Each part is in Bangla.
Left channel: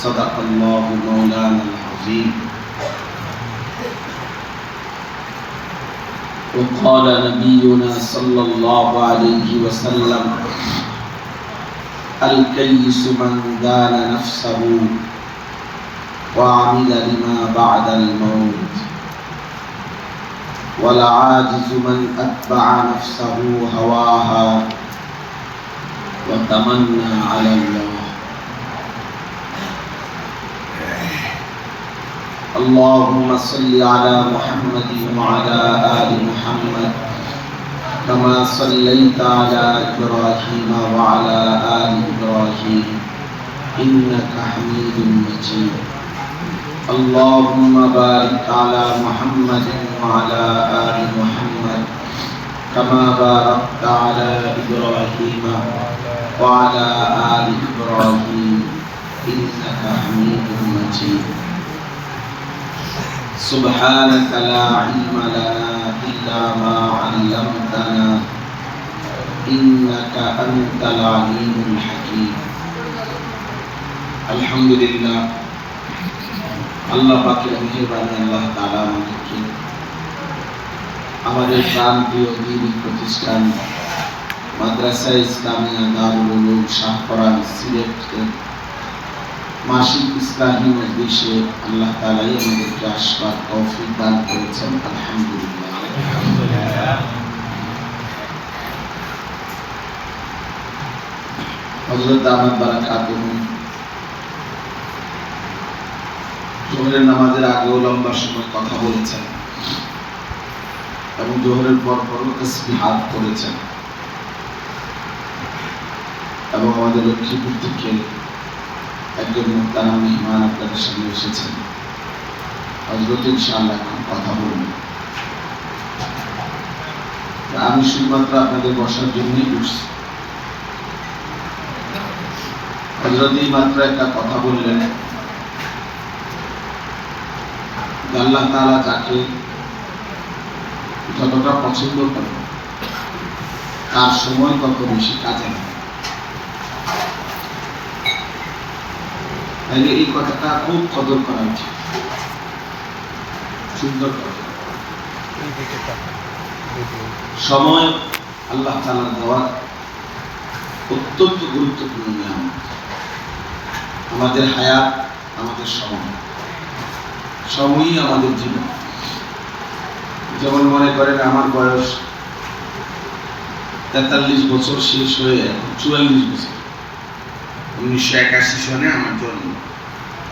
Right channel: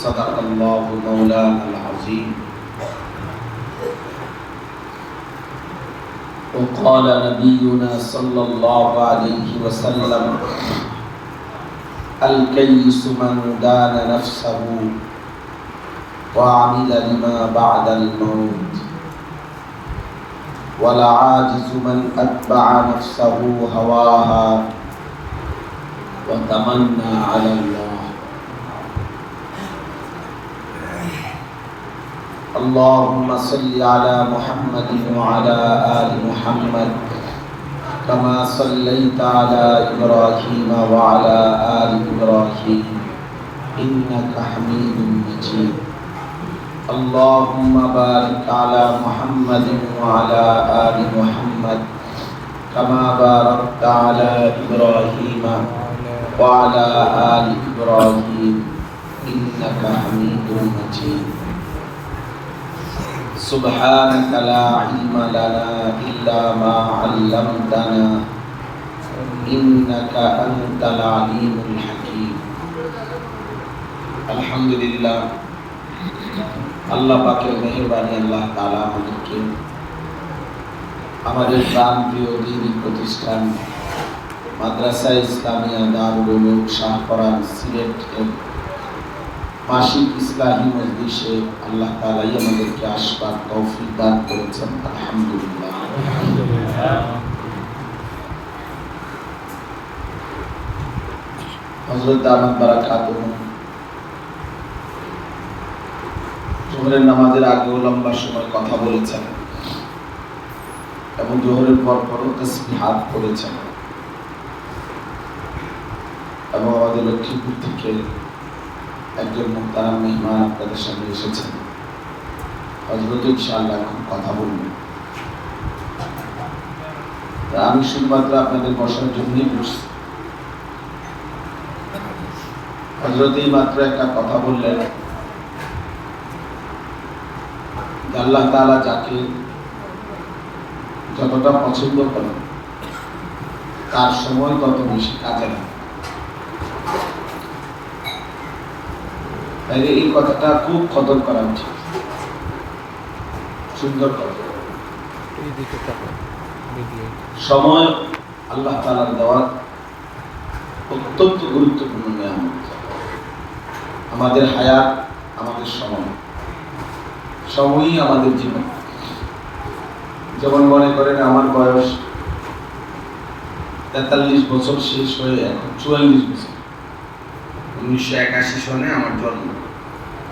صدق الله مولانا العظيم وقال نبينا صلى الله عليه وسلم الكيس من دان نفسه وعمل لما بعد الموت والعاجز من أتبع نفسه هواها وتمنى على الله اللهم صل على محمد وعلى آل محمد كما صليت على إبراهيم وعلى آل إبراهيم إنك حميد مجيد اللهم بارك على محمد وعلى آل محمد كما باركت على إبراهيم وعلى آل إبراهيم إنك حميد مجيد سبحانك لا علم لنا إلا ما علمتنا إنك أنت العليم الحكيم الحمد لله আল্লাহ পাকের মেহেরবানি আল্লাহ তাআলা আমাদের প্রাণপ্রিয় দ্বীনি প্রতিষ্ঠান মাদ্রাসা ইসলামিয়া দারুল উলুম শাহপরান সিলেটের মাসিক ইসলামী মজলিসে আল্লাহ তাআলা আমাদেরকে আসবার তৌফিক দান করেছেন আলহামদুলিল্লাহ। হযরত দামাত বারাকাতুহু জোহরের নামাজের আগেও লম্বা সময় কথা বলেছেন এবং জোহরের পর তাসবিহাত করেছেন এবং আমাদের লক্ষ্মীপুর থেকে একজন মুহতারাম মেহমান আপনাদের সামনে এসেছেন। হযরত ইনশাআল্লাহ এখন কথা বলবেন। আমি শুধুমাত্র আপনাদের বসার জন্যই বসছি। হযরত এই মাত্র একটা কথা বললেন, আল্লাহ তাআলা যাকে যতটা পছন্দ করেন তার সময় তত বেশি কাজে লাগে। তাই এই কথাটা খুব কদর করা উচিত। সুন্দর কথা। সময় আল্লাহ তাআলার দেওয়ার অত্যন্ত গুরুত্বপূর্ণ নিয়ামত। আমাদের হায়াত, আমাদের সময়, সময়ই আমাদের জীবন। যেমন মনে করেন আমার বয়স 43 বছর শেষ হয়ে এখন 44 বছর। 1981 সনে আমার জন্ম,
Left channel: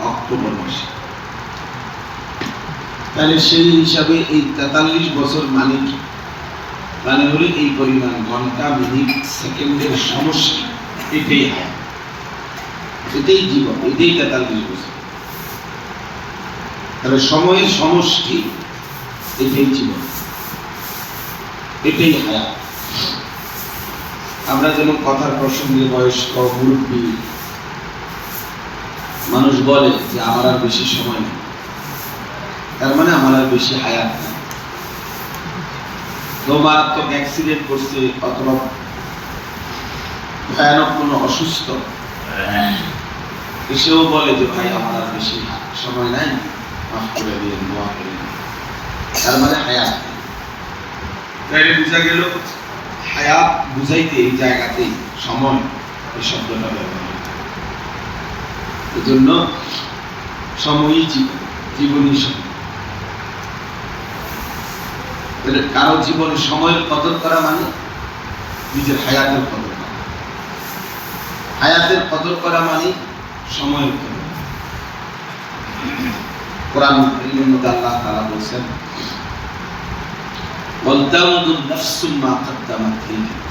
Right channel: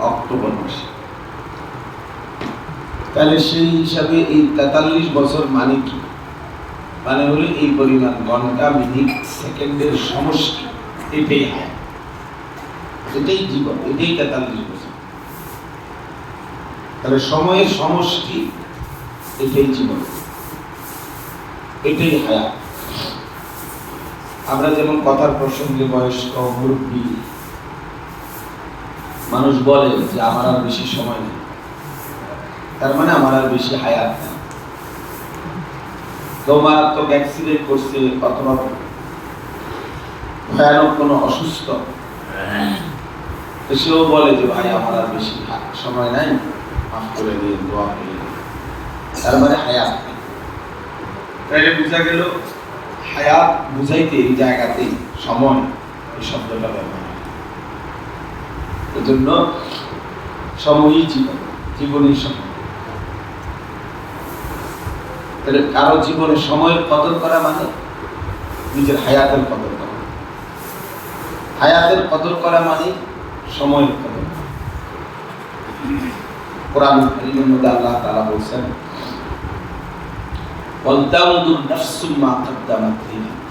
অক্টোবর মাসে। তাহলে সেই হিসাবে এই 43 বছর মানে কি? মানে হলো এই পরিমাণ ঘন্টা, মিনিট, সেকেন্ডের সমষ্টি। এটাই হায়াত, এটাই জীবন, এটাই 43 বছর। তাহলে সময়ের সমষ্টি, এটাই জীবন, এটাই হায়াত। আমরা যেমন কথার প্রসঙ্গে বয়স্ক মুরব্বী মানুষ বলে যে আমার আর বেশি সময় নেই, তার মানে আমার আর বেশি হায়াত নেই। কেউ মারাত্মক অ্যাক্সিডেন্ট করছে অথবা ভয়ানক কোনো অসুস্থ, এসেও বলে যে ভাই আমার আর বেশি সময় নাই, মাফ করে দিন, দোয়া করে দিন। তার মানে হায়াত নেই। তাহলে বোঝা গেল হায়াত বুঝাইতে এই জায়গাতেই সময় এই শব্দটা ব্যবহার। এজন্য সময়ই জীবন, জীবনই সময়। তাহলে কারো জীবনে সময়ের কদর করা মানে নিজের হায়াতের কদর করা। হায়াতের কদর করা মানে সময়ের কদর। কোরআন কারীমের মধ্যে আল্লাহ তাআলা বলেছেন ওয়ালতানজুর নাফসুম মা কদ্দামাত লিগাদ।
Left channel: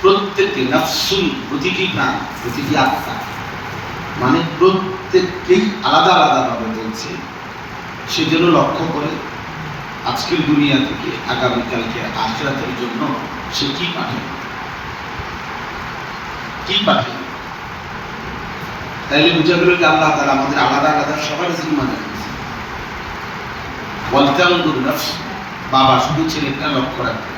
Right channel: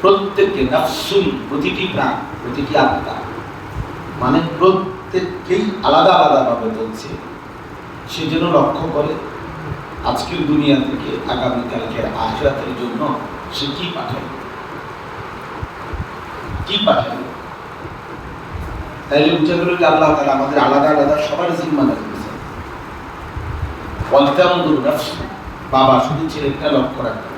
প্রত্যেককে নাফসুন, প্রতিটি প্রাণ, প্রতিটি আত্মা, মানে প্রত্যেককেই আলাদা আলাদা ভাবে বলছে সেজন্য লক্ষ্য করে আজকের দুনিয়া থেকে আগামীকালকের আখিরাতের জন্য সে কি পাঠাবে, কি পাঠাবে। তাইলে বুঝা গেল যে আল্লাহ তাআলা আমাদের আলাদা আলাদা সবার জিম্মাদারি দিয়েছেন। ওয়ালতানজুর নাফসুন, বাবা শুধু ছেলেটা লক্ষ্য রাখবে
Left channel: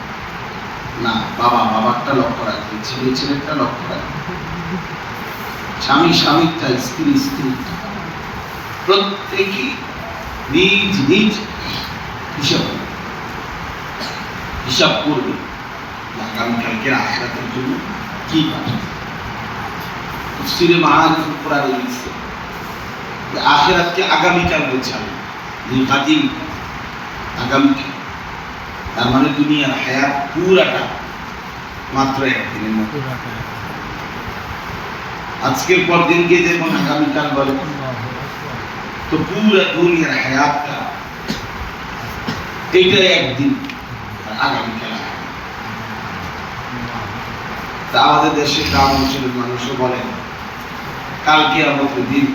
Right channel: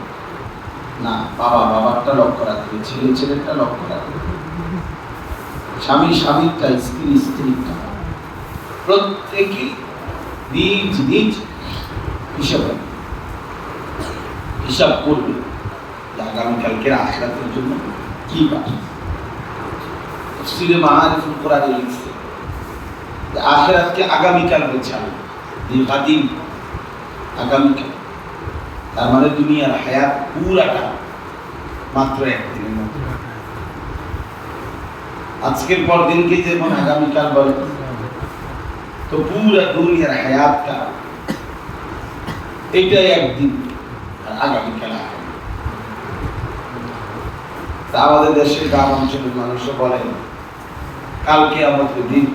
না, বাবা বাবারটা লক্ষ্য রাখবে, ছেলে ছেলেটা লক্ষ্য রাখবে। স্বামী স্বামীরটা, স্ত্রী স্ত্রীরটা, প্রত্যেকেই নিজ নিজ হিসাব করবে আগামীকালকে আখিরাতের জন্য কি পাঠিয়েছে। তাফসীরে মাআরিফুল কোরআনে লিখছে যে আখিরাতকে আগামীকাল বোঝাবে, নির্বাদিন আগামীকাল। তার মানে দুনিয়ার হায়াত পুরাটা মাত্র একদিনের মতো। আজকের পর দিনকে যেমন আগামীকাল বলে, তো পুরা দুনিয়ার হায়াতটা এইটাই একদিন, আগামীকাল। তা আমাদের দেশের গ্রাম অঞ্চলের মানুষও বলেন কালকে আমাদের দিন,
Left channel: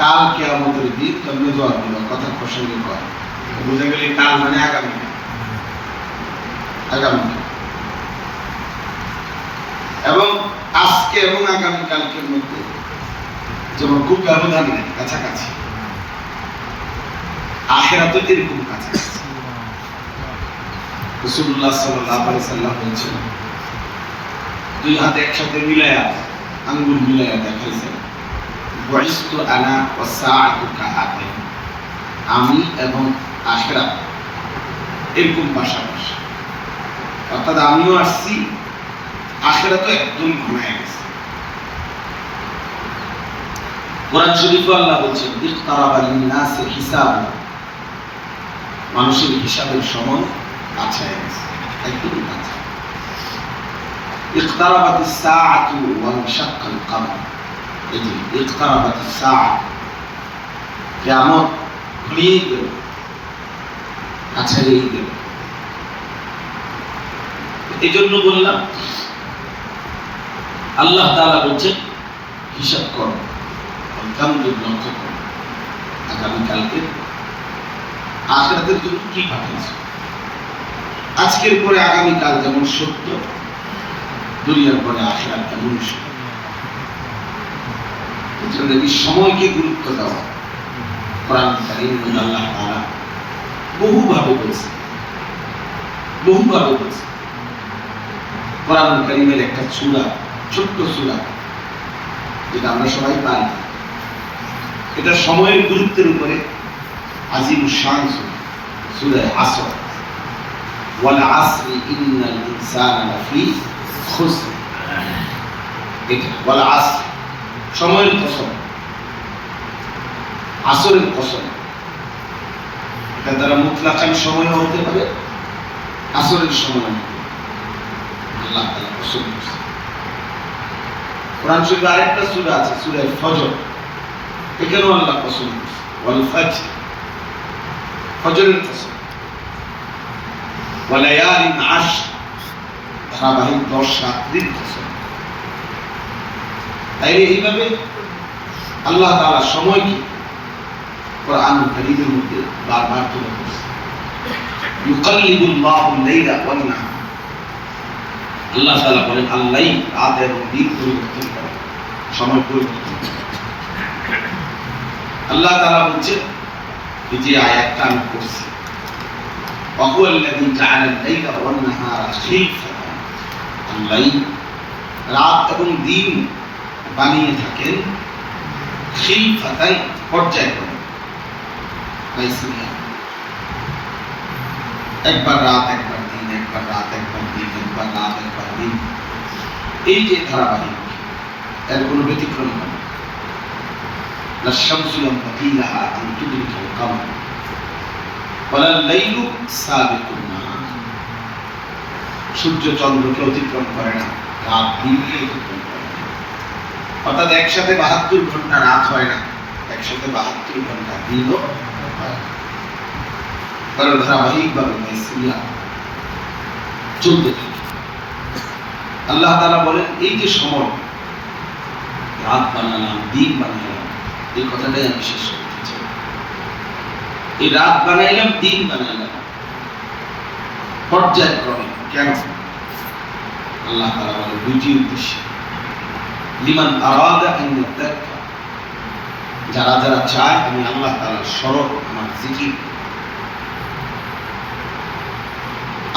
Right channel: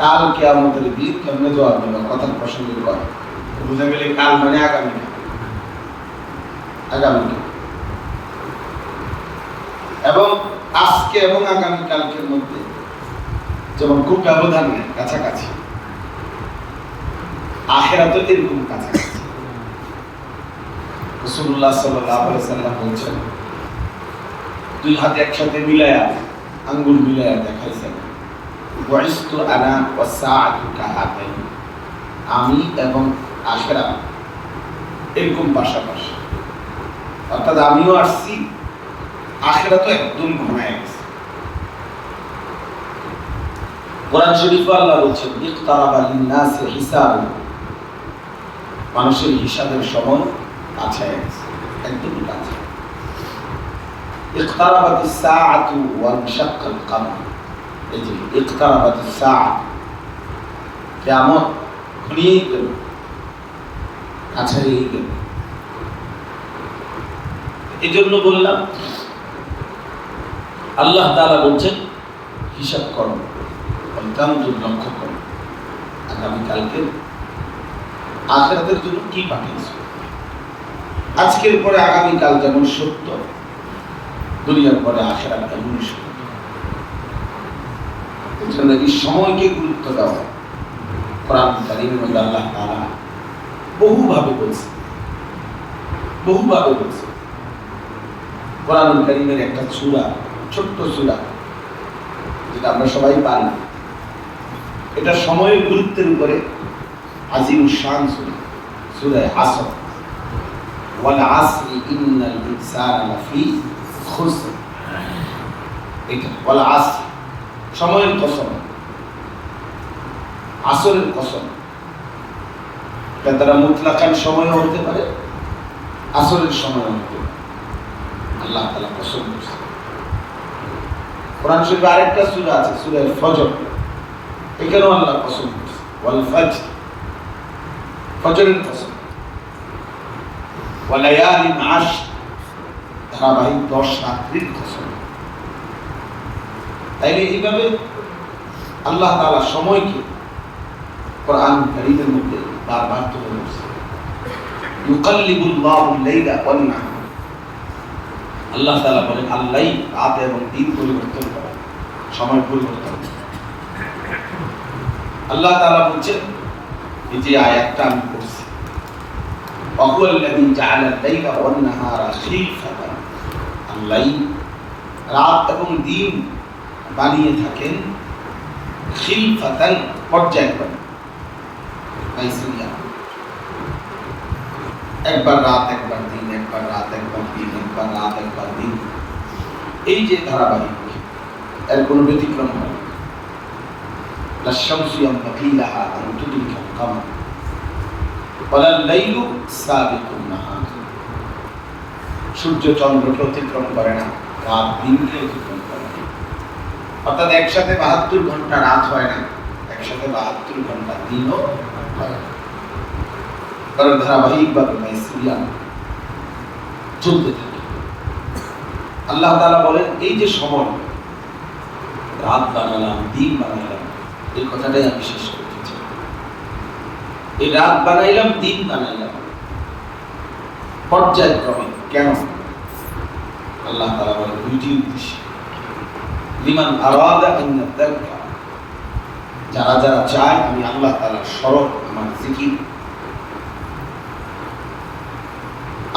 কালকে আমাদের দিন কেমনে জবাব দিল কথার প্রসঙ্গে বলে, বুঝা গেলে কাল মানে আগামীকাল। আগামীকাল এবং আজকে এবং আগামীকালকের মধ্যে যেমন খুব ব্যবধান নেই, কাছাকাছি। আখিরাত এরকম কাছাকাছি। রাসূলুল্লাহ সাল্লাল্লাহু আলাইহি সাল্লাম বলেছেন, দুই হাতে একসাথে মিলায়া, আঙ্গুল মিলায়া দেখাইছেন, বুইসতু আনা ওয়াস সাআতু কাহাতাইন, আমি এবং আখিরাত এরকম পাশাপাশি। অর্থাৎ আমিও আসছি, আখিরাতও একদম ঘনায় গেছে। কোরআন শরীফে আল্লাহ বলছেন, ইকতারাবা লিন-নাসি হিসাবুহুম, মানুষের হিসাবের সময় কাছে গেছে, একদম কাছে। ইকতারাবাতিস সাআতু ওয়া ইনশাক্কাল কমর, এই যে ইকতারাবাতিস সাআ, কিয়ামত ঘনিয়ে গেল, কাছে গেল। এই জন্য বললাম আল্লাহ তাআলা বলছেন হিসাব করো, লক্ষ্য করো আগামীকালকে আখিরাতের জন্য কি পাঠিয়েছে। আজকের পরে আগামীকাল যেমন সত্য, দুনিয়ার পরে আখিরাত তেমন সত্য। এই জন্য এই সময়কে গুরুত্ব দেওয়া কোরআন কারীমের মধ্যে আল্লাহ তাআলা বহুভাবে বলছে, বহুভাবে বলছে। কোরআন কারীমের একটা সূরা, ছোট্ট সূরা, যেটা আমরা সবাই পারি, এটা সময়ের গুরুত্বের উপরে আজিম শান সূরা আসর, ওয়াল আসরি ইন্নাল ইনসানা লাফি খুসর। এটা ওয়াল আসর, সময়ের কসম, আসরের কসম। এটা দ্বারা মুতলাকান সময় হতে পারে, আসরের সময় হতে পারে। আল্লাহ তাআলা কসম করছে। কোরআন শরীফে আরেকটা সূরা আছে, সূরা ফজর, এখানেও আল্লাহ কসম করছে, ওয়াল ফজর, ফজরের কসম, ওয়া লায়ালিন আশর, ধারাবাহিক 10 রাত্রির কসম। তাইলে এইভাবে আল্লাহ তাআলা সময়কে কোরআন কারীমের মধ্যে বারবার তুলে ধরছে। ইউকাল্লিবুল্লাহু লাইলা ওয়ান নাহার, আল্লাহ তাআলা বলেন আল্লাহই রাত এবং দিন পরিবর্তন করে, সময় পরিবর্তন করে। আল্লাহ তাআলা বলছেন, এই যে আয়াতটা আমি পড়ছি, ওয়াহুয়াল্লাযী জাআলাল লাইলা ওয়ান নাহারা খিলফাতান, আল্লাহই রাত এবং দিন বানিয়ে থাকেন, খিলফাতান পর্যায়ক্রমে, একবার রাত একবার দিন, একবার রাত একবার দিন, একবার রাত একবার দিন, এই যে ধারাবাহিক, এর কোনো ব্যতিক্রম হয় না। লাশ-শামসু ইয়ানবাগী লাহা আন তুদরিকাল কমর ওয়ালাল লাইলু সাবিকুন নাহার, সূর্য চন্দ্রকে অতিক্রম করে না, রাত দিনকে অতিক্রম করে না। অর্থাৎ একসাথে 72 ঘন্টা রাত হয় না, একসাথে 72 ঘন্টা দিনও হয় না। ধারাবাহিকভাবে চলতে থাকে। আল্লাহ তাআলা বলেন, এই যে সময়, রাত বানালাম, দিন বানালাম, এই কথাটাই আমি শেষ করতে চাই। এই রাত বানাইলাম, দিন বানাইলাম পর্যায়ক্রমে। কেন? আল্লাহ তাআলা বলেন দুইটি উদ্দেশ্যে। লিমান আরাদা আন ইয়াদাক্কার, যারা যারা চায় আমি আল্লাহ তাআলার স্মরণ, আমার জিকির,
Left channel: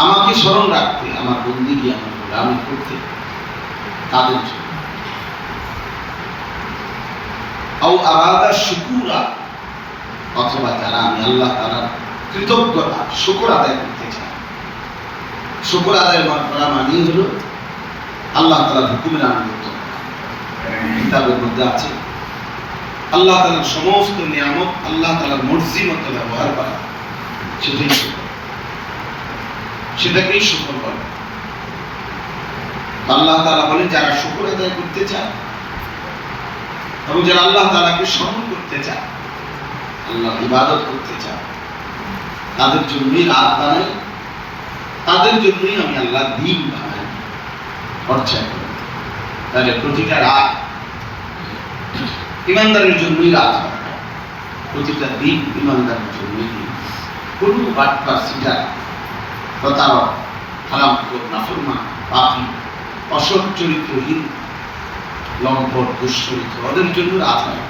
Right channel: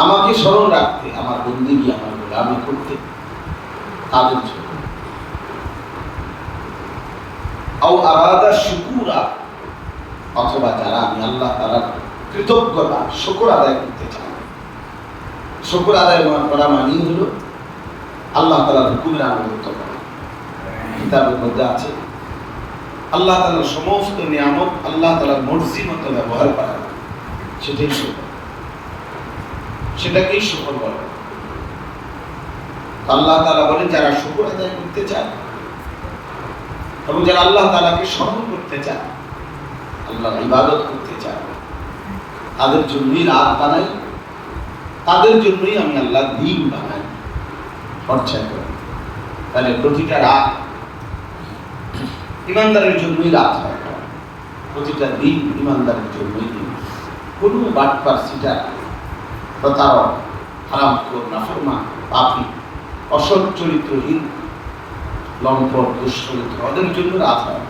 আমাকে স্মরণ রাখতে, আমার বন্দেগী, আমার গোলামি করতে, তাদের জন্য। আও আরাদা শুকুরা, অথবা যারা আমি আল্লাহ তাআলার কৃতজ্ঞতা শুকর আদায় করতে চাই। শুকর আদায় করা মানে হলো আল্লাহ তাআলার হুকুমের আনুগত্য করা। কিতাবের মধ্যে আছে আল্লাহ তাআলার সমস্ত নিয়ামত আল্লাহ তাআলার মর্জি মতো ব্যবহার করা, সেটাকেই শুকর বলে। আল্লাহ তাআলা বলেন যারা শুকর আদায় করতে চায় এবং যারা আল্লাহ তাআলাকে স্মরণ করতে চায়, আল্লাহর ইবাদত করতে চায়, তাদের জন্যই রাত বানাই, তাদের জন্যই আমি আল্লাহ দিন বানাই, খরচায় করি। তাহলে প্রতিটা রাত ইমানদারের জন্যই রাত হয়, প্রতিটা দিন ইমানদারের জন্যই দিন। কোনো বাটপার, সিটার, প্রতারক, হারামখোর, নাফরমান, পাপী, অসৎ চরিত্রহীন, লম্পট, দুশ্চরিত্র, ওদের জন্য রাত হয়।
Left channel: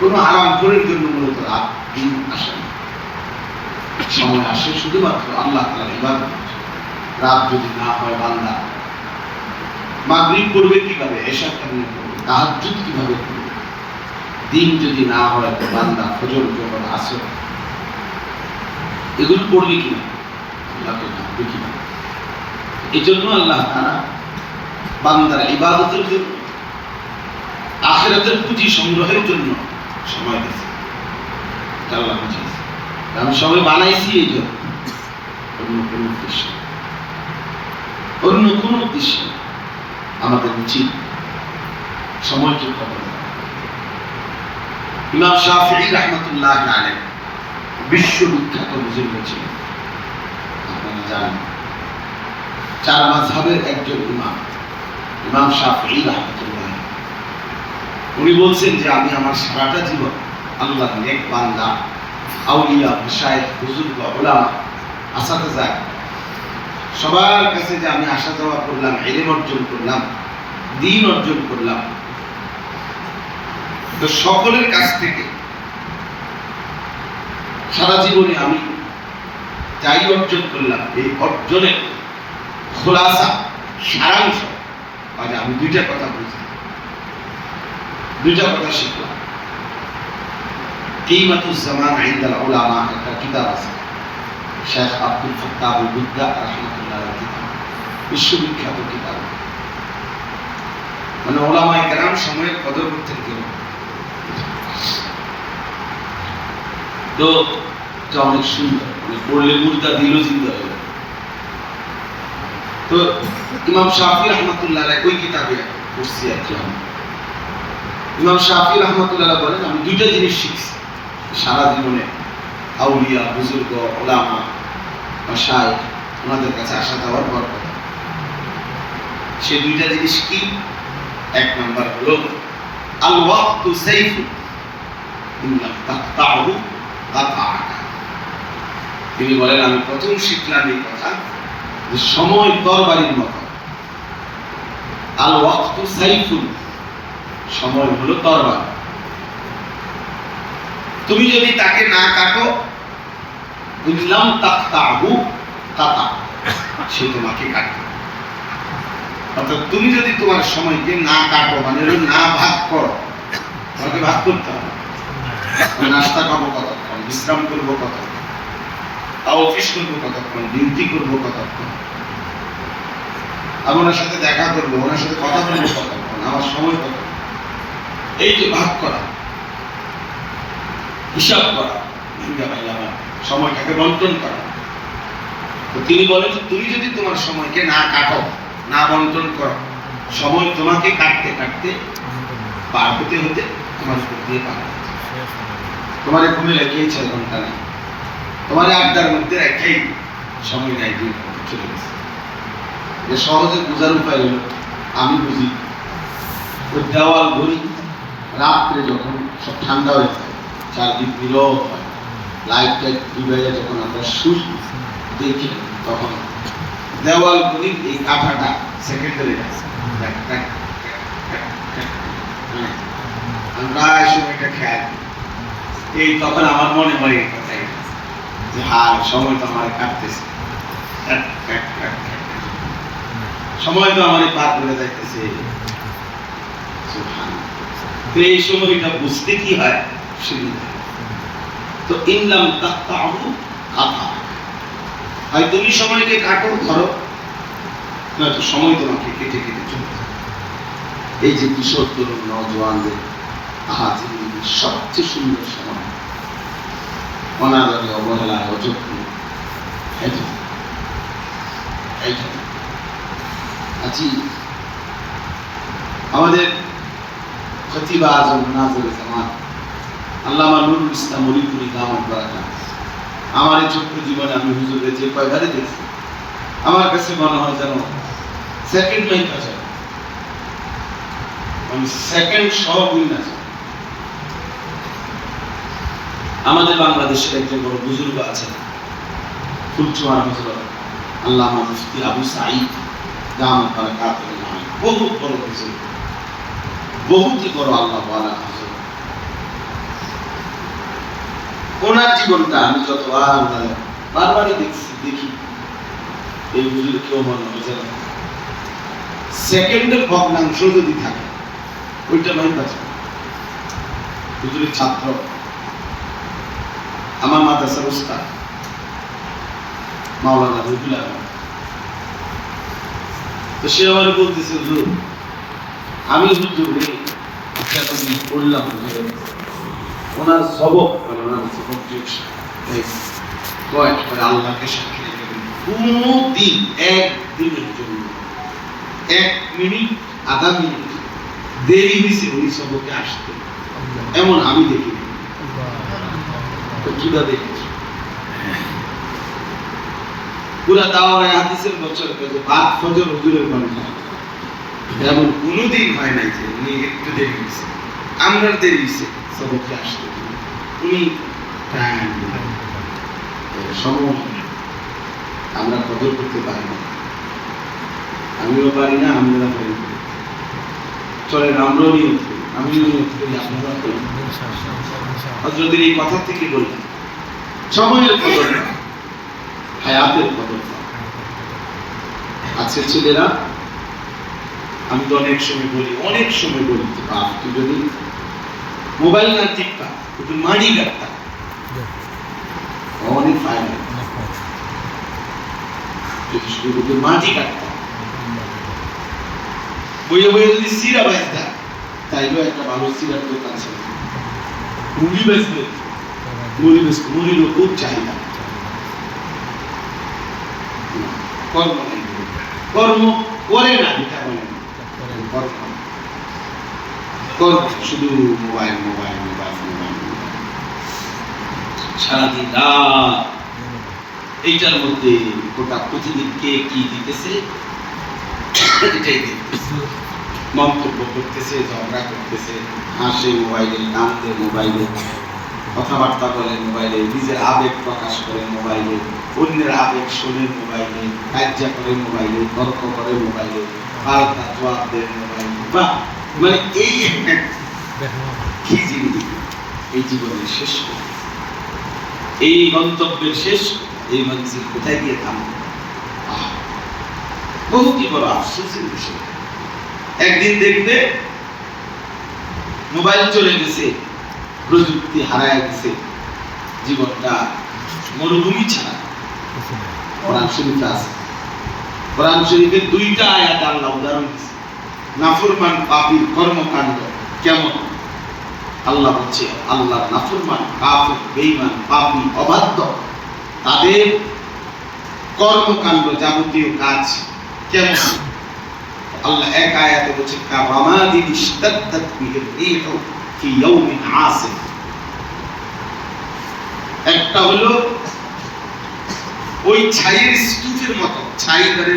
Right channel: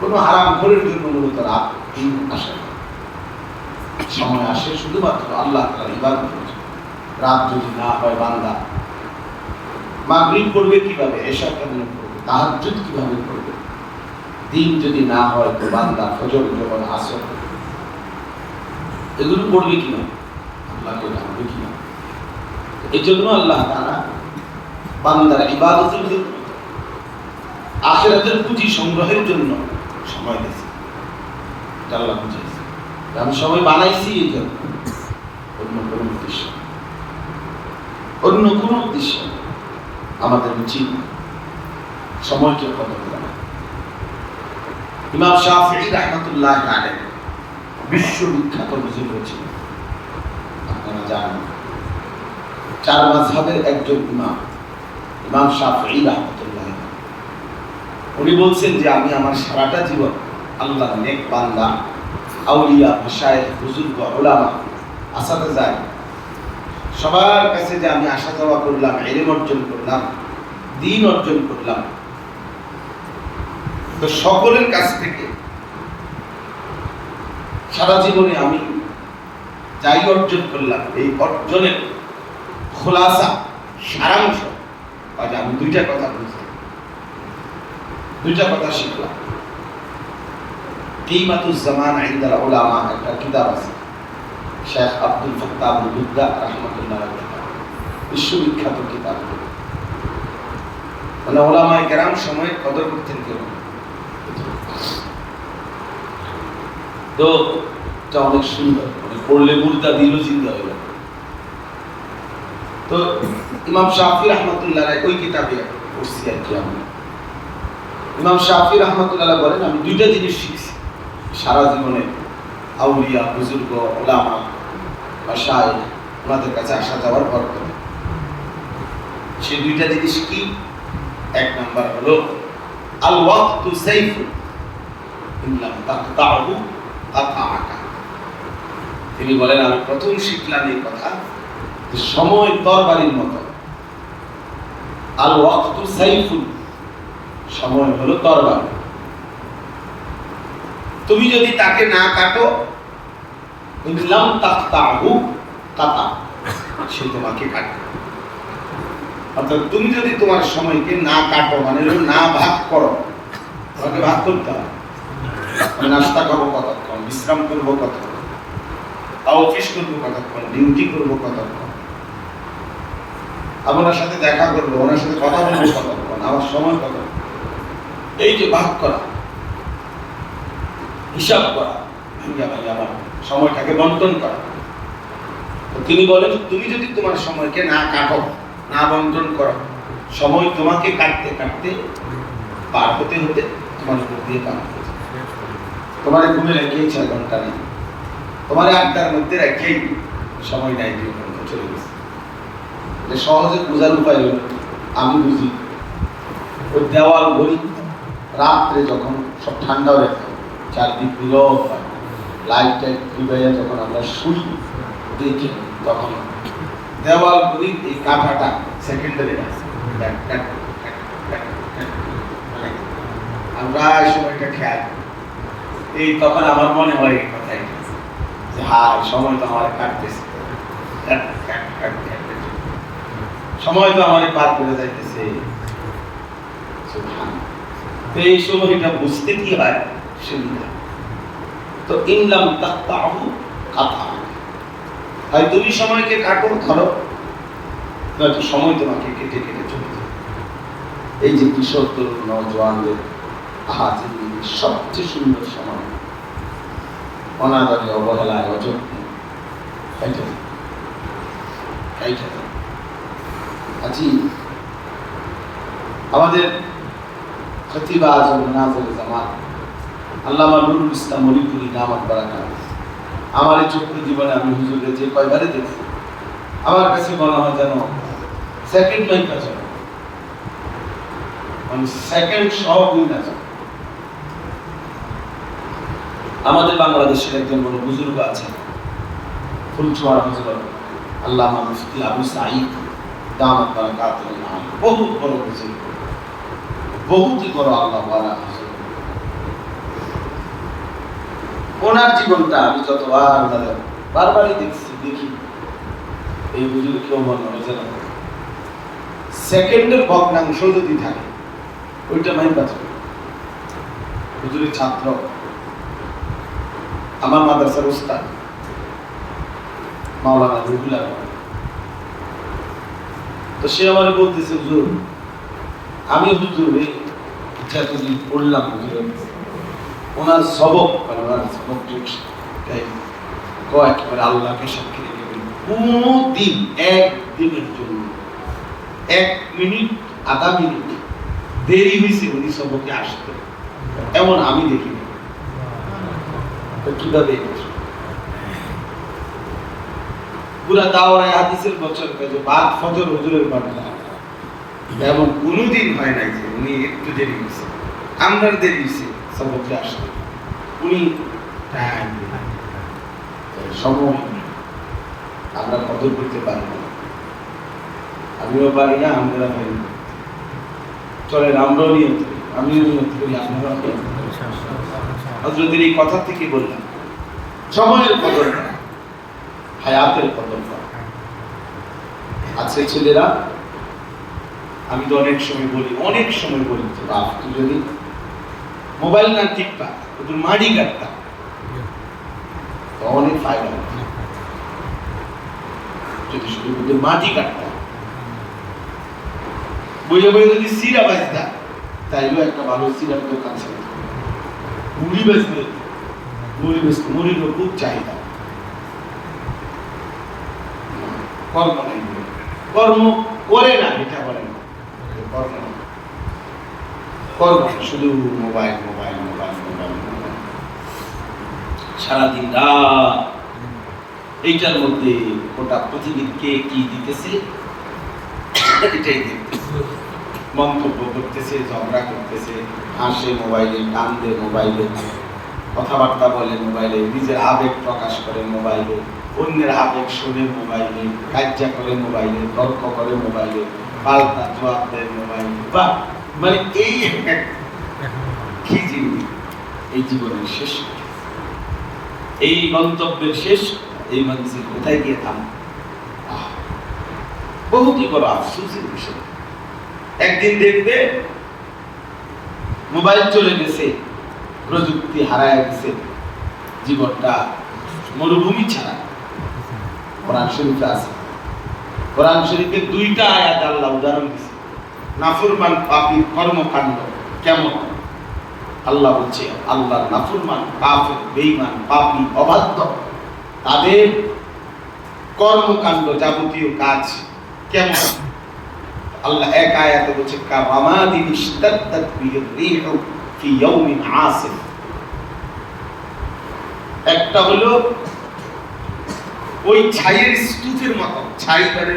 কোনো হারামখোরের জন্য মূলত রাত দিন আসে না। সময় আসে শুধুমাত্র আল্লাহ তাআলার ইবাদতের জন্য। রাত যদি না হয়, বান্দা মাগরিব পড়বে কিভাবে, এশা কেমনে পড়বে, তাহাজ্জুদ কিভাবে করবে? দিন যদি না হয় তো বান্দা ফজর, যোহর, আসর এগুলো পড়বে কিভাবে, আল্লাহকে ডাকবে কিভাবে? এই জন্য আল্লাহ তাআলা বান্দার ইবাদতের জন্য, আখিরাতের পুঁজি সংগ্রহের জন্য সময় দিয়েছে। আল্লাহ বুঝিয়েছে আমি সবাই বানাইছি এই জন্য, অন্য কোনো উদ্দেশ্যে, অন্য কোনো উদ্দেশ্যে। আমাদের উচিত সময়কে কদর করা। ইমাম শাফিঈ রাহমাতুল্লাহ আলাইহি বিশ্ববিখ্যাত বুজুর্গ ছিলেন, আপনারা জানেন। চার মাযহাবের একজন ইমাম, ইমাম শাফিঈ রাহমাতুল্লাহ। উনি বলছেন যে আমি আমার সারাটা জীবন আল্লাহর নেক বান্দা, আউলিয়া, মাশায়েখ, বুজুর্গ, উলামা, আসাতিজা সবার কাছে যে আমি আসা যাওয়া করলাম, ইলম অর্জন করলাম, দ্বীন অর্জন করলাম, তো সকলের কাছ থেকে সারা জীবনে আমি যাই অর্জন করলাম, এই অর্জনের খোলাসা, সারাংশ আমি দুইটা কথা বুঝলাম, দুইটা কথা শিখলাম। কিমাতুজ জামান ইনদাল উলামা একটা কিতাব আছে, শেখ আব্দুল ফাত্তাহ আল বুদ্দা রাহমাতুল্লাহ আলাইহি, বিশ্ববিখ্যাত কিতাব। মানে উলামায়ে কেরাম সময়ের কদর করতেন কেন? তো যা অনেক সুন্দর, মানে পড়লে মুর্দা দিল জিন্দা হয়ে যাবে। তো ইমাম শাফি রাহমাতুল্লাহ আলাইহি ওই কিতাবে পড়ছি আর কি আমি। ইমাম শাফি রাহমাতুল্লাহ আলাইহি বলেন আমি দুইটা জিনিস শিখছি সারা জীবনে, আউলিয়া, বুজুর্গ, উলামা, মাশায়েখ ওনাদের কাছে আসা যাওয়ার পর। সেই দুইটা জিনিস কি? এক নাম্বার হলো আল ওয়াক্তু সাইফু ইন লাম তাকতাহু কাতাআকা। তিনি বলেন আমি প্রথম শিখলাম এই কথা যে সময় তরবারির মতো। আল ওয়াক্তু সাইফুন, সময় হলো তরবারি, তুমি যদি তাকে না কাটো, বুঝলাম তাকতাহু কাতা, সে তোমাকে কাটবে। অর্থাৎ তুমি যদি তোমার সময়কে না কাটো, মানে না ভাগ করো, তোমাকে ভাগ করতে হবে। নাস্তা করবো কতক্ষণ, বিশ্রাম করবো কতক্ষণ, অফিস করবো কতক্ষণ, ডিউটি করবো কতক্ষণ, ওনার সাথে দেখা করবো, ওনার সাথে কথা বলবো কতক্ষণ, আমার সময় কতক্ষণ। এই যে ভাগ করা, হিসাব করা, সময়টাকে বন্টন করা। তো তিনি বলেন তুমি যদি তোমার সময়কে না কাটো, না বন্টন করো, সময় তোমাকে কাটতে কাটতে পার হতে হতে তোমার উপর দিয়ে পার হতে, তোমার ঘুমে রেখেই 6 ঘন্টা নেই, তোমার আড্ডার মধ্যে রেখেই সময় নাই 2 ঘন্টা চলে গেছে। যে সহজে বোঝার উপায় হলো, আমি বুঝি ওই দেওয়াল ঘড়ি রাত্রে যখন সব ঠান্ডা হয়ে যায়, চারদিক নীরব হয়, লাইট টাইট নিভে যখন আমরা শুই দেখি, তখন দেওয়াল ঘড়ির এই কাঁটাটা সেকেন্ডারি আমরা এই সময়টা খেয়াল, এই তখন আমার মনে হয় এই কথাই যে হ্যাঁ সময় তো আমার কাটতেছে, সময় তো আমার পার করে যাইতেছে। তো এই সময়টা বুঝতে কি হয় সুবিধা। তো ইনলাম তাকতাহু কাতা, হয় তুমি সময়কে কাটো ধরো, নয়তো সময় তোমাকে কেটে কেটে চলে যায়। এই যে কিশোর তরুণ নওজোয়ানদের সবচেয়ে সুন্দর সময় অনাদরে অবহেলায় অযত্নে আজি আমাদের খতিব আজম মুনাজির জামান আল্লামা নুরুল ইসলাম মরিপুরি দামাত বারাকাত, আমার এই ছোট্ট জীবনে আমি হুজুরকে যে কয়বারে দেখি আমার কাছে মনে হয় যেন সেকেন্ড মাইক আছে, মানে সেকেন্ড সহ না। আমাদের বাংলাদেশের একজন বড় বুজুর্গ আছেন ফুলচুয়ার হযরত আল্লামা মুফতি আবু সাঈদ দামাত বারাকাতুহু আলাইহি, বহুত বড় বুজুর্গ, বহুতই বড় আল্লাহ ওয়ালা হযরত। ওনার জীবনটা আমি বারবারই দেখি এই বুজুর্গ কেউ মনে হয় যেন সেকেন্ডের ভগ্নাংশ যদি থাকে ওইটা মাইক আছে। হুজুরের ছাত্র আমার মাদ্রাসার উস্তাদ মাওলানা রুহুল আমিন, তো সে আমার বলতেছে হুজুর আমি হুজুরে পড়লাম ওনার সবক, মানে ওনার সবক একেবারে আল্লাহকে সাক্ষী রেখে কোনো দিন একদিনের জন্য 1 মিনিট আধা মিনিট দেরি হয়েছে উনি সবকে আসতে, এমন আমি দেখি না। কিভাবে দেখেছি পুরা দাওরায়ে হাদিসের বছর কাছে বাদ ফজর হুজুরের বাণী এমন কোনোদিন হয় নাই যে উনি একটু দেরি হয়েছে, আমরা দেরি হয়েছে সবকে আসতে, উনি টাইম সম্মত আমরা কদর করতে পারি না, আমিও পারি না, আমরা পারি না। চলেন আমরাও নিয়ত করি, আমিও নিয়ত করি, আপনারা হযরতের এই কথা থেকে বললাম সময়ের কদর, হায়াতের কদর আছে। ছেলেরা আমি তো অনেক সময় বলি যে বাপ তুই যদি মোবাইল না টিপতা একটু মানি কাটতা অনেক ফায়দা, যদি শুধু মাটি কাটতা বইয়ে বইয়ে যদি সিরা বাজতা তাইলেও একটা ভালো সিরার দোকান ছিল, মুড়ি বেচতে মুড়িরও খুব চাহিদা। কর্ম করে না, এটা করে না, কর্ম শুধু মোবাইল সারাদিন রাত এইটার মধ্যে গোটা পৃথিবীকে কি দিতেছে এটাই দেখতেছে, মন্তব্য করতেছে, ঝগড়া করতেছে, হাসে মোবাইলে, কান্দে মোবাইলে, কথাবার্তা বলে মোবাইলে, নিজের আবেগ প্রকাশ করে মোবাইলে, অন্যের আবেগ শুনে মোবাইলে, কার্যা করে মোবাইলে, গল্প করে মোবাইলে, পাল্টা জবাব দেয় মোবাইলে। বাহ, মানে এই কি জিনিস, এই জীবনের শেষ, এই মন্তব্যের শেষ, এই মঞ্জিল কোথায় গিয়ে থাম। বহুতই বড় আফসোসের বিষয়। একদিন দেখবে মোবাইল চলে গেছে, প্রযুক্তি হারায় গেছে, জীবনটা মরুভূমি ছাড়া। কোরআন শরীফে আছে, কোরআন শরীফের 2টা আয়াতে আল্লাহ উদাহরণ দিয়েছে নাফরমান পাপীর কর্মকাণ্ড কেমন। আল্লাহ বলছে আল্লাহর নাফরমান, কাফির, বেঈমান, পাপী, অবাধ্য তাদের কর্মকাণ্ড যাবতীয় কাজ কেমন। আল্লাহ এক আয়াতে বলছে কারামাদিন ইশতাদ্দাত বিহির রিহু ফি ইয়াউমিন আসিফ। একটা হলো ওই ছাইয়ের স্তূপের মতো, ছাই মানে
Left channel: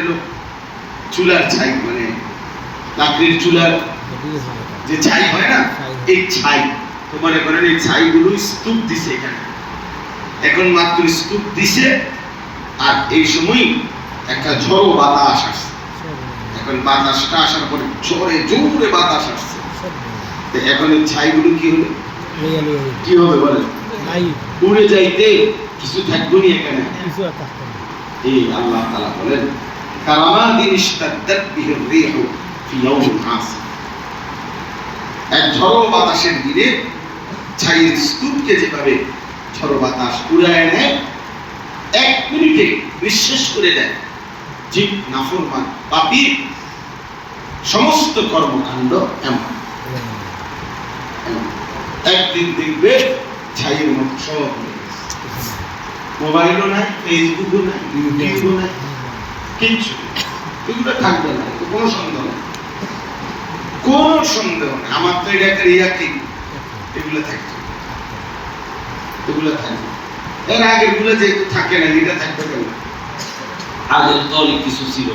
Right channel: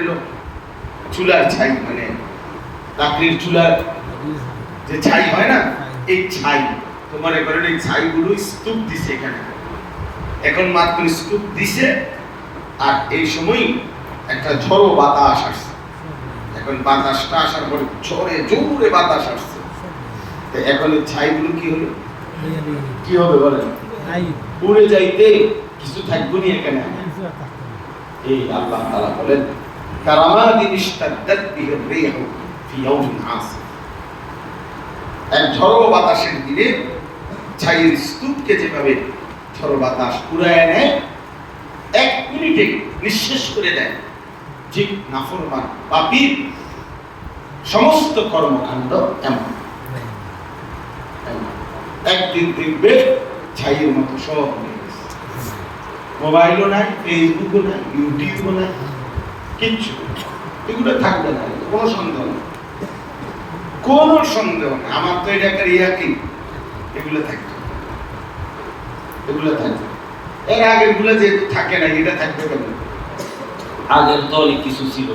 চুলার ছাই, মানে লাকড়ির চুলার যে ছাই হয় না, এই ছাই তো মনে করেন এই ছাইগুলো স্তূপ দিছে এখানে, এখন মাত্র স্তূপ দিছে আর এই সময় একটা ঝড়ো বাতাস আসছে। এখন বাতাসটা আসার পরে ঝড়ে জোরে বাতাস আসছে, এখন এই ছাইগুলো কি হলো, কি হবে বলেন, উড়ে যাইতে কিছু থাকবে না এখানে। এই আল্লাহ তাআলা বলেন কারামাদিন ইশতাদ্দাত বিহির রিহু ফি ইয়াউমিন আসিফ। এক ঝড়ো বাতাসের দিনে ছাইয়ের স্তূপকে যেভাবে ঝড়ো বাতাস উড়ায় নেয়, 1 মিনিটে নিঃশেষ করে দেয়, ঠিক নাফরমান পাপীর সমস্ত কর্মকাণ্ড এমন। একদিন দেখবে ছাইয়ের মতো সব মোবাইলও নাই, ফেসবুকও নাই, ইউটিউবও নাই, কিচ্ছু এগুলো থাকবে না, কোনো সন্দেহ নেই, কোনো সন্দেহ নেই। আমার তো এটা একটা রিয়াকি, এগুলো থাকবে, এগুলো থাকবে। এর আগের গুলো যেহেতু থাকে না, এটা থাকবে কেন? আগের তো অনেক কিছু ছিল,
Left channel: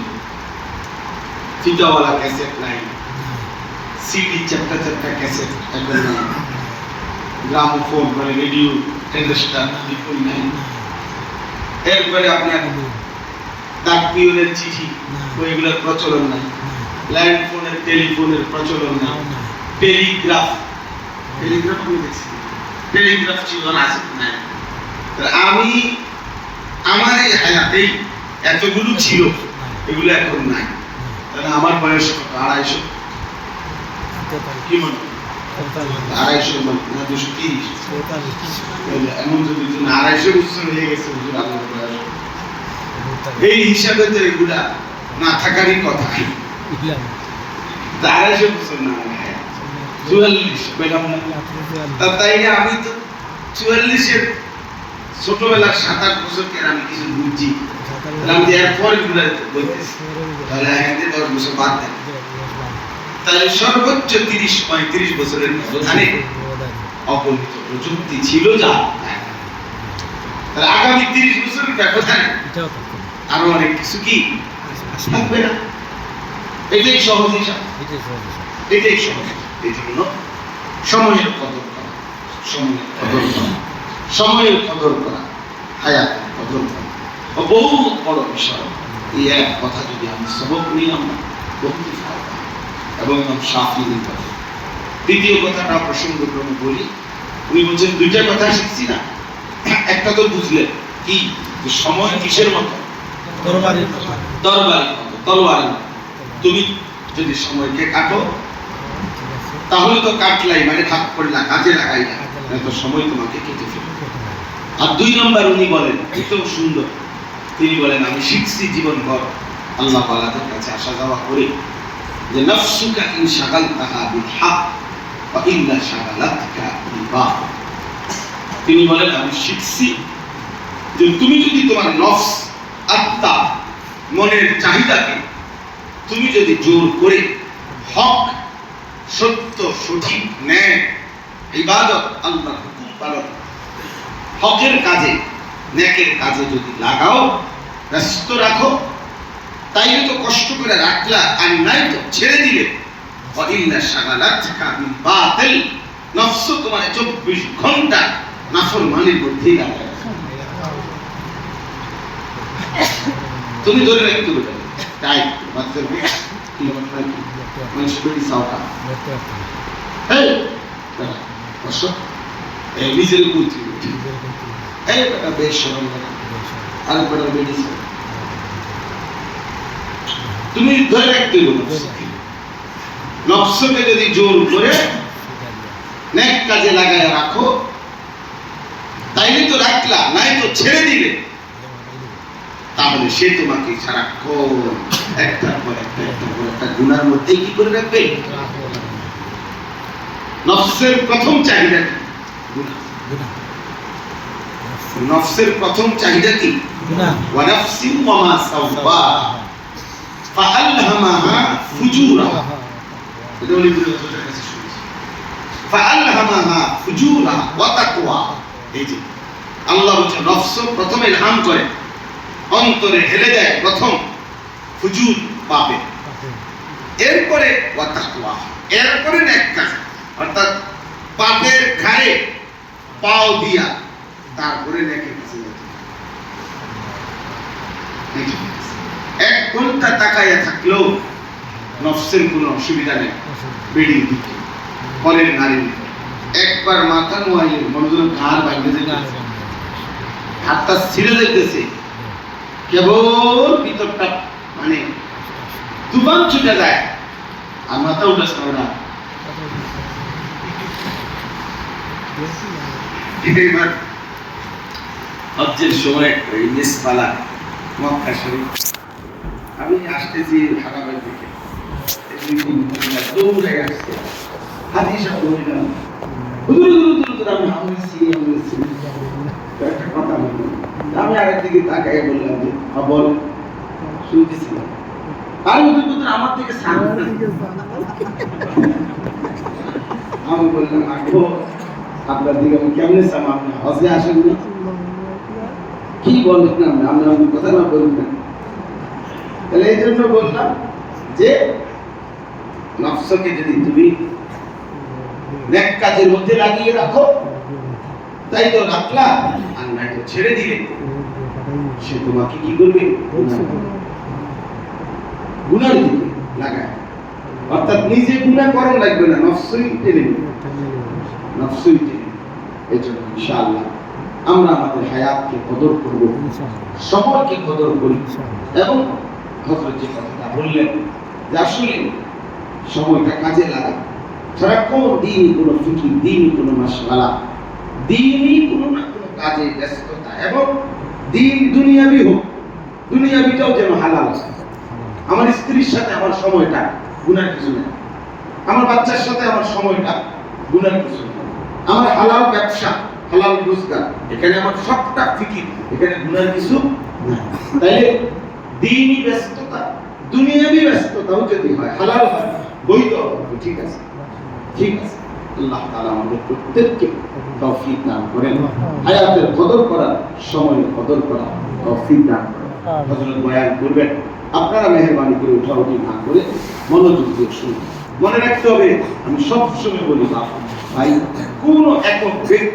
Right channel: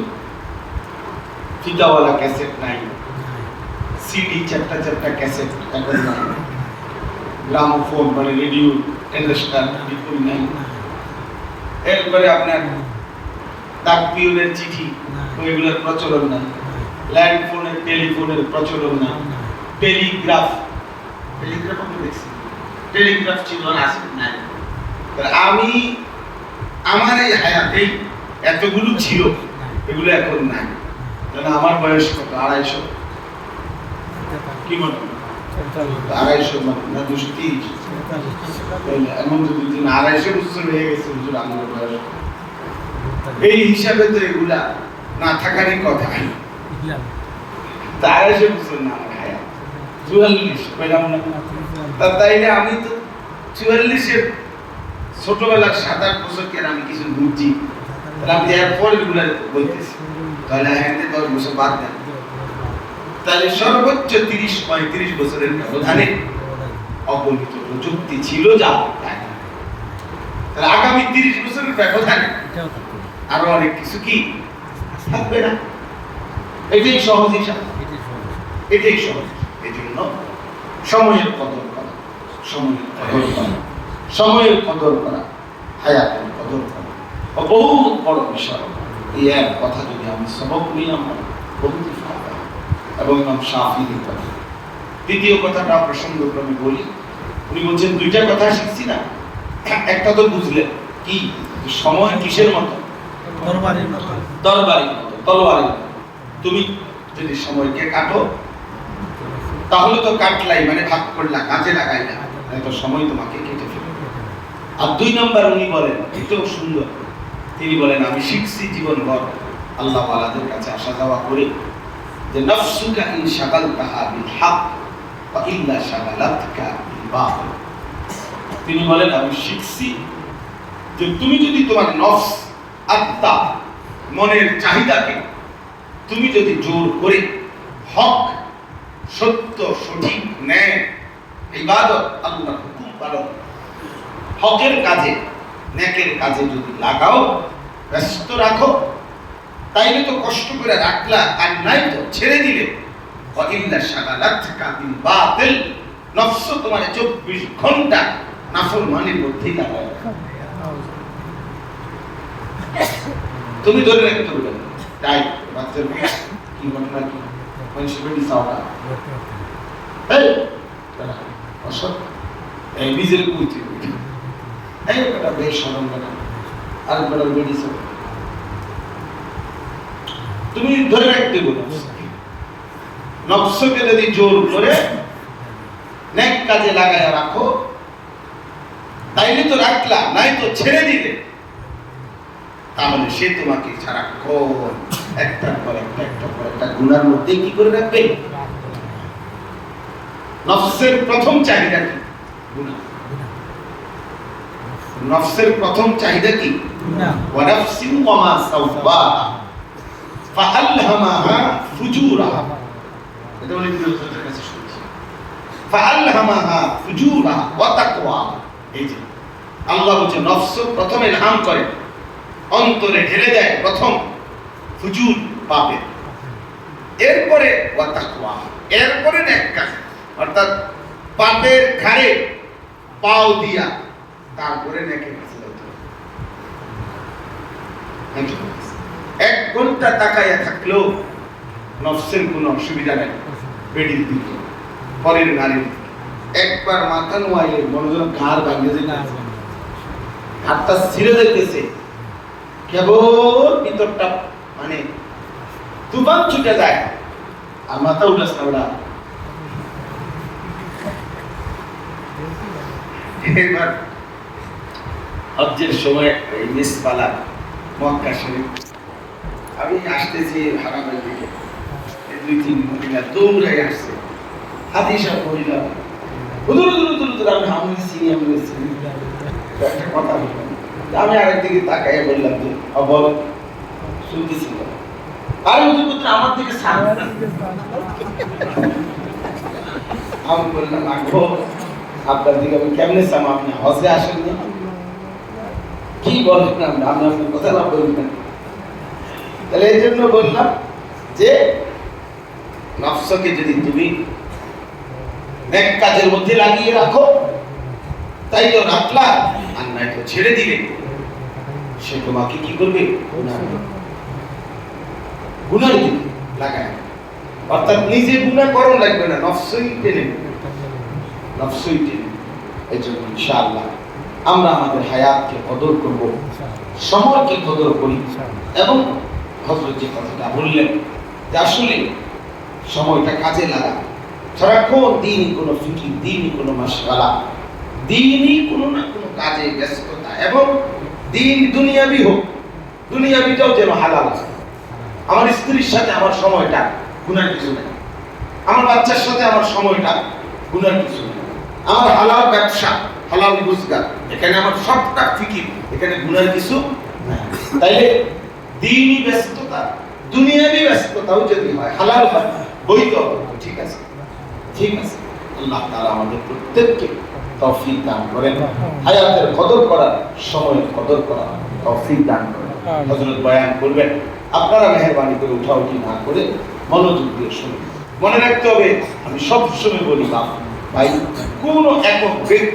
ফিতাওয়ালা ক্যাসেট নাই, সিডি চারটা চারটা ক্যাসেট এখন নাই, গ্রামোফোন মানে রেডিও টেলিস্টার বিপুল নাই। এরপরে আপনার ডাক পিওনের চিঠি ওইগুলোর প্রচলন নাই, ল্যান্ড ফোনের টেলিফোনের প্রচলন নাই, টেলিগ্রাফ আমি দেখছি, টেলিগ্রাফ ছিল না, আছে নাই। আমি আমার এই হায়াতেই এতগুলো ছিল, এগুলো এখন নাই। তাহলে আমার বয়স কত? 250, কি মনে হয়? 250 না 230? এমন যদি 250 বছর হয়ে গেছে, বুঝলে আমার বয়স। এই হিসাবে তো এগুলা না থাকারই কথা। 250 বছর না, 44 পেলাম না। তাইলে আমি তো 44-এর ছোটবেলার 7-8 বছরকে আমি কিছু বুঝছি, আমি এরপর এগুলা বলতেছি, তাহলে 10 বছর বাদ দেন, তাহলে সর্বোচ্চ 30-35 বছরের ব্যবধানে অগণিত প্রযুক্তি ছিল যা, তাহলে আগামী 30 বছরের ব্যবধানে আরো অনেক কিছু কি থাকবে না। এটাই সহজ হিসাব, এটাই সহজ। এই জন্য সময়ের কদর করা, সময়ের কদর করা, হায়াতের কদর করা বহু বড় বিষয়। এই এক কথা যদি আমি সবক নিলাম, বহুত ফায়দা। এবং ইমাম শাফিঈর কথা। দ্বিতীয় কথাটা প্রসঙ্গক্রমে বলি, উনি বলছেন 2টা কথা শিখছি না, একটা তো বুঝলেন কি, যে সময় কিসের মতো? তরবারির মতো। তুমি যদি সময়কে কাটো, তাহলে তো কাটলাই মানে ভাগ করলা, কাজে লাগাইলা, তো সময় তোমাকে কেটে ফেলবে। আর 2 নম্বর উনি বলেন, এটাও সুন্দর, তিনি বলেন আমি শিখছি জীবনভর আল্লাহ ওয়ালাদের কাছে আসা যাওয়া করে, যে নফসুকা ইন শাগালতাহা বিল হক ওয়া ইল্লা শাগালাতকা বিল বাতিল। তিনি বলেন আমি শিখছি যে তুমি যদি তোমার নফস, আত্মা, মনের চাহিদাকে তুমি যদি জোর করে হক, সত্য, সঠিক, ন্যায়, ইবাদত, আল্লাহর হুকুম পালন, হকের কাজে, নেকের কাজে যদি লাগাও, ব্যস্ত রাখো, তাইলে তো কষ্ট করে রাখলা, আর নাই তো ছেড়ে দিলে, ওয়াইল্লা শাগালাতকা বিল বাতিল, নফস তোমার 24 ঘন্টা নাফরমানির মধ্যেই লাগায়। তুমি ধরে রাখতে হবে, তাই বাচ্চা কি হবে না, মানুষ বেশি সাওয়া এই বড় কষ্ট, এই নিজের কুইতি এই বড় বেশ সরল বড় আর বড় মেডিসিন তুমি ধরে রাখতে হবে। নফসকে যদি জোর করে নেক কাজে লাগায় রাখো, তাইলে তো রাখলা, নাই তো ছেড়ে দিলে, তাহলে সে তোমাকে সারাক্ষণ একটার পর একটা গুনার মধ্যে কি করে রাখবে? নফসের প্রথম চাহিদা কি? নফসের প্রথম চাহিদা কি? ওয়া নাফসিন ওয়া মা সাওয়াহা ফাআলহামাহা ফুজুরাহা। এটা বলি বিরোধীদের কাছে শুনেছি, ফাআলহামাহা ফুজুরাহা ওয়া তাকওয়া। এই যে আল্লাহ বলেন নফস প্রথম ইলহাম করে, অন্তরে ঢেলে দেয় প্রথম ফুজুর, পাপে, এরপরে ওয়া তাকওয়া, এরপরে নেক কাজ, অর্থাৎ পাপের ঘাড়ে পাও দিয়া তারপরে নেকের কাছে যেতে হবে। 1 ঘন্টা তাকাইয়া থাকলেও নফসের কোনো অসুবিধা নেই, বেডির দিকে, পরের নারীর একবার মাথা নোয়াইলে মনোযোগ ঘাড় ভাঙে যেতে, হাতটা ছিঁড়ে যাইতেছে, কেবল ভিতরটা মানে তুফান ছুটে যায়, আর মাথা উল্লাস করা এবার হজ্জের সময় এই মিসবালা মক্কা শরীফ আমি আসতেছি হারামের থেকে দুই তিন মহিলা দৌড়াই আসছে হাদিসা বললাম হুজুর হুজুর হুজুর হুজুর আমি হামদি চিনি আমি চিনি একটা কথা বলি আমি আরেকদিকে তাকাই বললাম যে বল শুনতেছি আরে হুজুর হুজুর আমার থেকে সান আমি বললাম আখো আপনার দিকে আমি কেমনে চাম আপনি হজে আসেন না কি বলবেন আপনি আপনার কথা না বলবেন তাহলে এই জন্য বললাম যে নফসকে যদি তুমি নেক কাজের মধ্যে লাগিয়ে রাখো তাই তো রাখলা আর নাই তো ছেড়ে দিলে সে তোমাকে কি করবে গুনার দিকে লাগায় অর্থাৎ নিজে গুনাহ করণ লাগবে না নফসই টেনে নফসই টেনে এই জন্য ইনশাআল্লাহ আমরা আমাদের হায়াতকে কদর করব সময়কে কদর করি এবং হযরত যে কথাটা বললেন যে আসলে সময়টা কাজে লাগা সারাক্ষণ দিনই কোনো ফিকির দিনই কোনো মাশগালা দিনই কোনো না কোনো কাজে ব্যস্ততা এবং দিন দুনিয়াবি হোক দুনিয়াবিটাও যেন হালাল আছে আমার স্ত্রীর সাথে আমার সময়টা গুনার কিছু নেই আমার বাচ্চার সাথে আমার সময়টা গুনার কিছু নেই আমার হালাল ব্যবসা হালাল রোজগার এখানে আমার সবটা ফিকির এখানে গুনার কিছু নাই তাইলে দিনই ব্যস্ততা দুনিয়াবি ব্যস্ততাও যদি হয় হালাল হয় বৈধ হবে ঠিক আছে ঠিক আছে আল্লাহ তাআলা আমাদের প্রত্যেককে তৌফিক দান করেন হায়াতের কদর করার সময়ের কদর করার তৌফিক দান করেন হযরত বয়ান করবেন আপনারা মেহেরবানি করে উঠাউঠি না করে মনোযোগ দিয়ে শুনুন মনে রাখতে হবে আমি সব সময় বলি ভাই কোন একক ব্যক্তি